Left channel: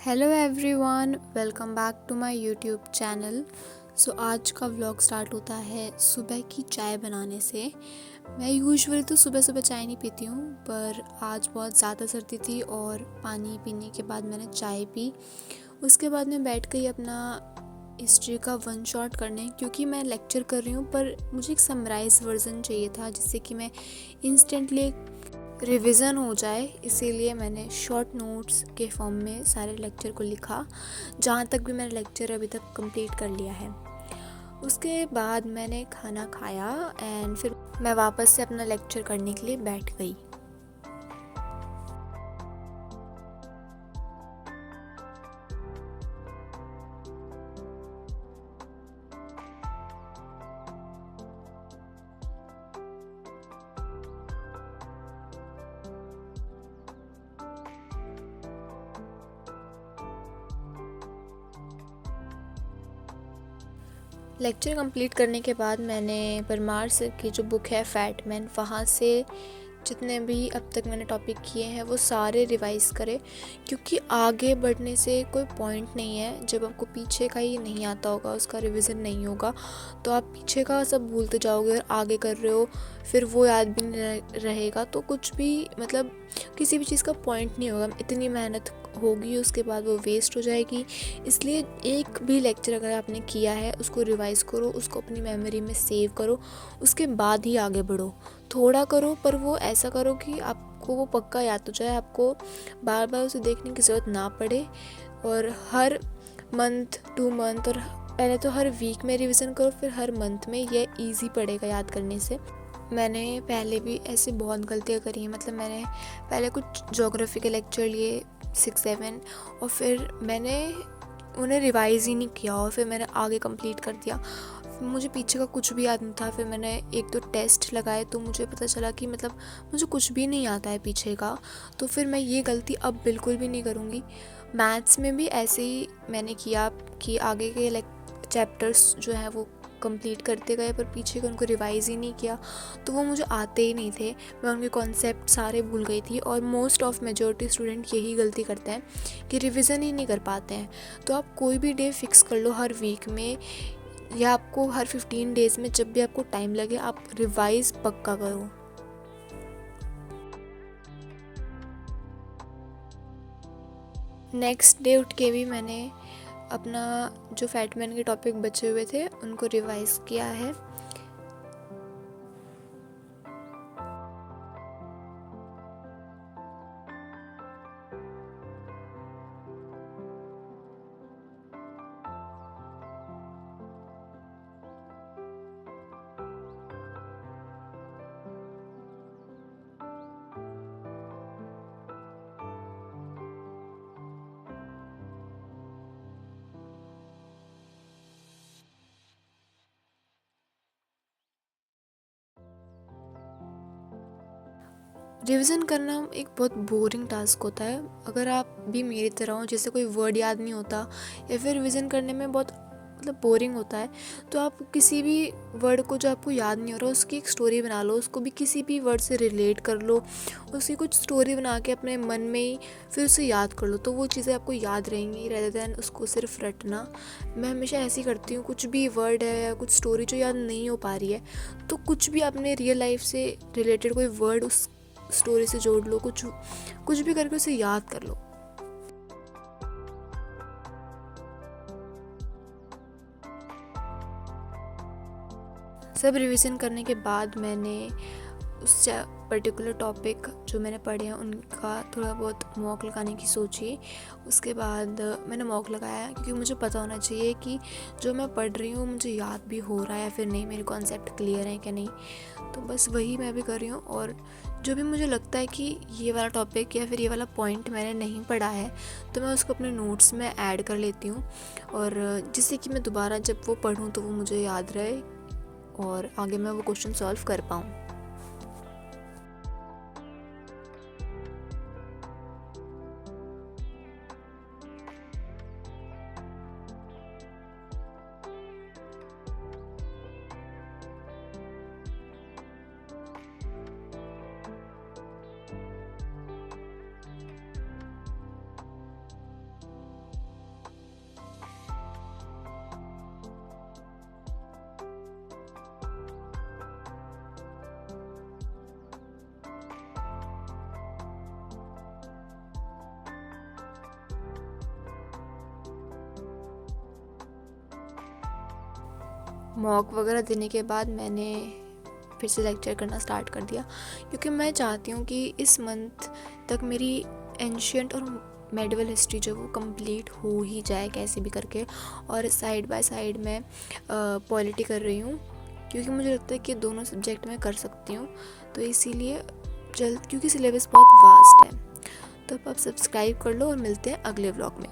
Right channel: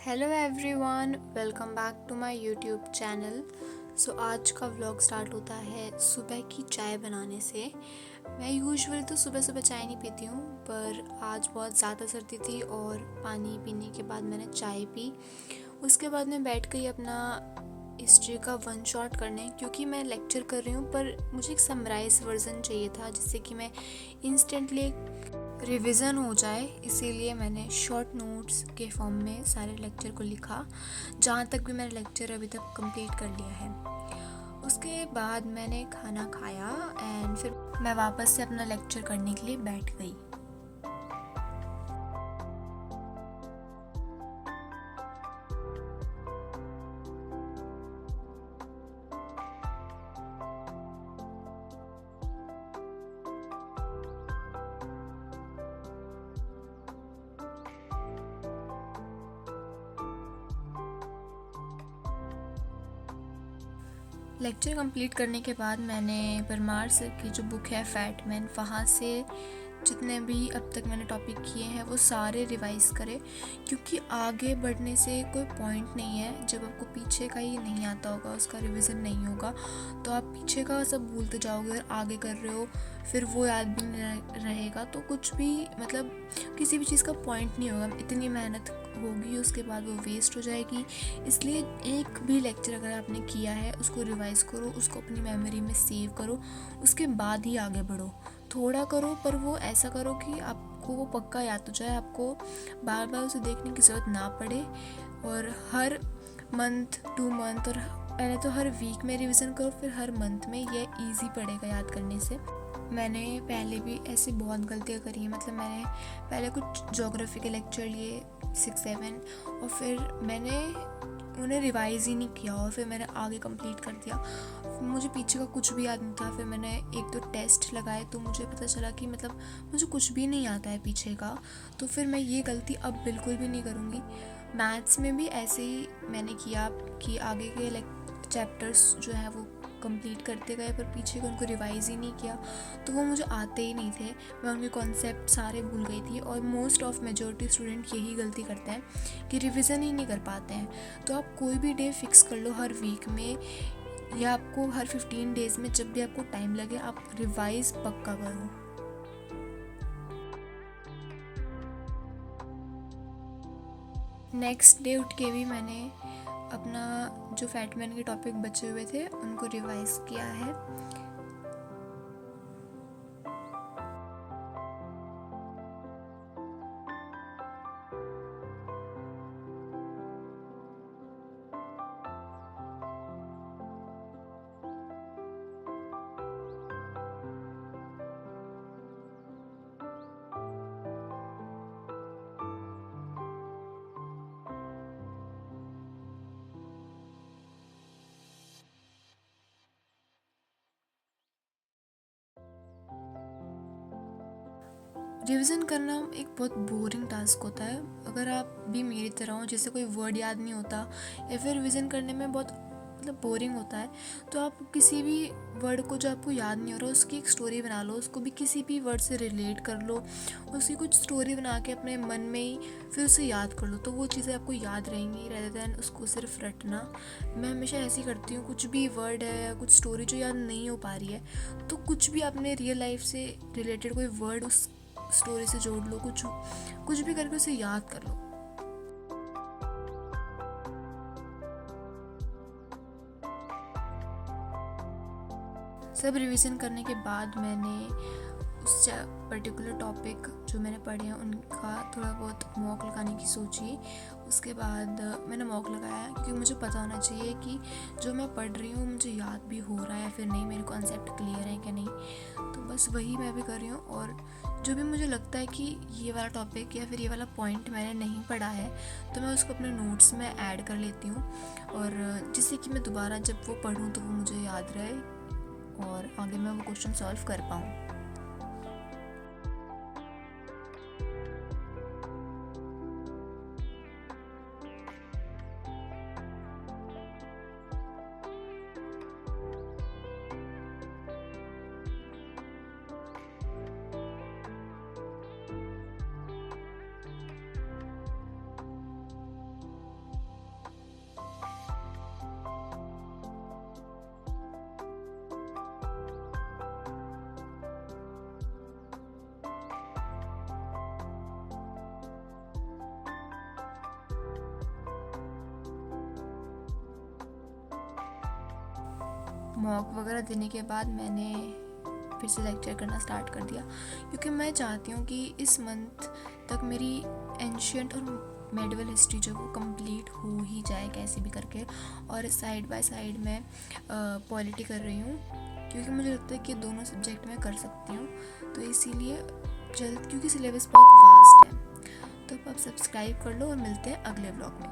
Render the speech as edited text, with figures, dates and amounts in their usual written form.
Hello everyone, welcome back to my YouTube channel. आज का vlog start होता है सुबह की चाय बनाने से। मैं यूजुअली तो सुबह सुबह चाय नहीं पीती हूँ, पर आज बहुत ज़्यादा सर्दी थी और पानी पीने के बाद मैंने चाय पी। उसके बाद मैं बैठ गई अपना हिस्ट्री का वन शॉट करने, क्योंकि मैं लेक्चर कर रही हूँ पर मुझे एक समराइज वर्जन चाहिए था जिससे कि मैं इंस्टेंटली रिवीजन हो जाए। इसीलिए मैंने शॉर्ट नोट्स के फॉर्म में सारे लेक्चर को लिखा, जहाँ तक भी मैंने लेक्चर अभी तक कंप्लीट कर लिया है। उसके बाद मैंने खाना खाया एंड फिर मैं वापस से अपना लेक्चर करने के लिए बैठ गई। लेक्चर कंप्लीट करने के बाद मैंने परमार सर की जो बुक है फैट मैन, वहाँ से जितने भी अब तक मैंने टॉपिक किए हैं वो सारे रिवाइज़ करें, क्योंकि आगे बढ़ने से कोई पॉइंट नहीं है जब आपको पीछे का ही नहीं आता होगा, उसका रिवीजन नहीं होगा तो आप पीछे का सब भूलते जाओगे और आगे कर रहे हो फिर वो याद भी नहीं रहेगा, तो कुछ भी मतलब किसी भी चीज़ का पॉइंट नहीं होगा। इतनी मेहनत होगी उसके बाद वो वेस्ट हो जाएगी। इसलिए एक भी लेक्चर अगर आपने किया है उसको रिवाइज़ करो, उसको अपनी मेमोरी में सेव करो, उसके बाद ही आगे बढ़ो। थोड़ा करो पर वो ऐसा करो कि आपको वो पक्का याद हो जाए, आपको बार बार उसे देखने की ज़रूरत ना पड़े। और हर मंथ 2 मंथ और पहले तो हर वीक में रिवीजन करो, फिर हर मंथ में, ये इजी पड़ेगा याद करने से। मैंने पहले भी ऐसे बहुत गलतियाँ करी हैं, मतलब मैंने पहले कुछ ज्योग्राफी के लेक्चर लिए 6-7 और फिर मैंने उन्हें रिवाइज़ ही नहीं किया और फिर मैंने आगे कंप्लीट कर दिया। मुझे पीछे का कुछ भी याद नहीं था। फिर मैंने 1-2 टेस्ट लगाए तो मुझे पता चला कि मतलब मुझे कुछ भी नहीं आता है पीछे का। तो फिर मैं ये गलती अब बिल्कुल भी नहीं करूँगी। मैथ्स में भी ऐसे ही मैंने किया कि आगे के चैप्टर्स जो हैं वो कंप्लीट करते गए पर पीछे के उनको रिवाइज़ ही नहीं किया, तो वो मुझे आते ही नहीं थे। मैं उनके कॉन्सेप्ट सारे भूल गई थी और मोस्ट ऑफ मेजॉरिटी स्टूडेंट यही गलती करते हैं कि रिवीजन ही नहीं कर पाते हैं। तो आप कोई भी डे फिक्स कर लो हर वीक में या आपको हर 15 डेज़ में, जब भी आपको टाइम लगे आप रिवाइज़ पक्का करो। नेक्स्ट डे उठ के भी मैंने अपना जो फैटमैन के टॉपिक बचे हुए थे उनको रिवाइज़ किया है। रिवीजन करना एक बहुत बोरिंग टास्क होता है। अगर आप भी मेरी तरह हो, जैसे कोई वर्ड याद नहीं होता या फिर रिवीजन करने में बहुत मतलब बोरिंग होता है, तो आप किसी भी वर्ड को जो आपको याद नहीं हो रहा उसकी एक स्टोरी बना लो, उसको भी किसी भी वर्ड से रिलेट कर लो, उसकी कुछ स्टोरी बना के अपने मन में ही फिर उसे याद कर लो, तो वो चीज़ें आपको याद रहेंगी रेदर दैन उसको सिर्फ रटना। मैं हमेशा ऐसे ही करती हूँ, कुछ भी वर्ड है या कुछ स्टोरी जो याद नहीं हो पा रही है तो कुछ भी अपने रियल लाइफ से रिलेटेड कोई वर्ड उस स्टोरी से जोड़ लो, कुछ कुछ भी करके उसे याद कर लो। सब रिवीजन करने के बाद मैंने उस पर्टिकुलर टॉपिक जो मैंने पढ़े हैं उनका थोड़ा बहुत मॉक लगाने की सोची। उसके बाद मैंने मॉक लगाया क्योंकि मुझे पता होना चाहिए कि जो मैं पढ़ रही हूँ मुझे याद भी हो रहा है या फिर नहीं, मेरे कॉन्सेप्ट क्लियर है क्या नहीं। तो बस वही मैं भी कर रही हूँ। और जो भी मुझे लगता है कि ये वाला टॉपिक या फिर ये वाला पॉइंट मैंने नहीं पढ़ा है तो मैं उसको अपने नोट्स में ऐड कर लेती हूँ, और जिससे कि मैं दोबारा जब वो पढूँ तो वो मुझे याद रहे और आगे मैं वो क्वेश्चन सॉल्व कर पाऊँ। मॉक वगैरह देने के बाद मैंने फिर से लेक्चर करना स्टार्ट कर दिया, क्योंकि मैं चाहती हूँ कि इस मंथ तक मेरी एंशियंट और मेडिवल हिस्ट्री जो वो कंप्लीट हो ही जाए कैसे भी करके। और साइड बाय साइड मैं पॉलिटी कर रही हूँ, क्योंकि मुझे लगता है कि दोनों सब्जेक्ट मैं कर सकती हूँ, तो इसीलिए जल्द, क्योंकि सिलेबस बहुत वास्ट है। तो अब आप सब्सक्राइब कर लो और मिलते हैं अगले व्लॉग में।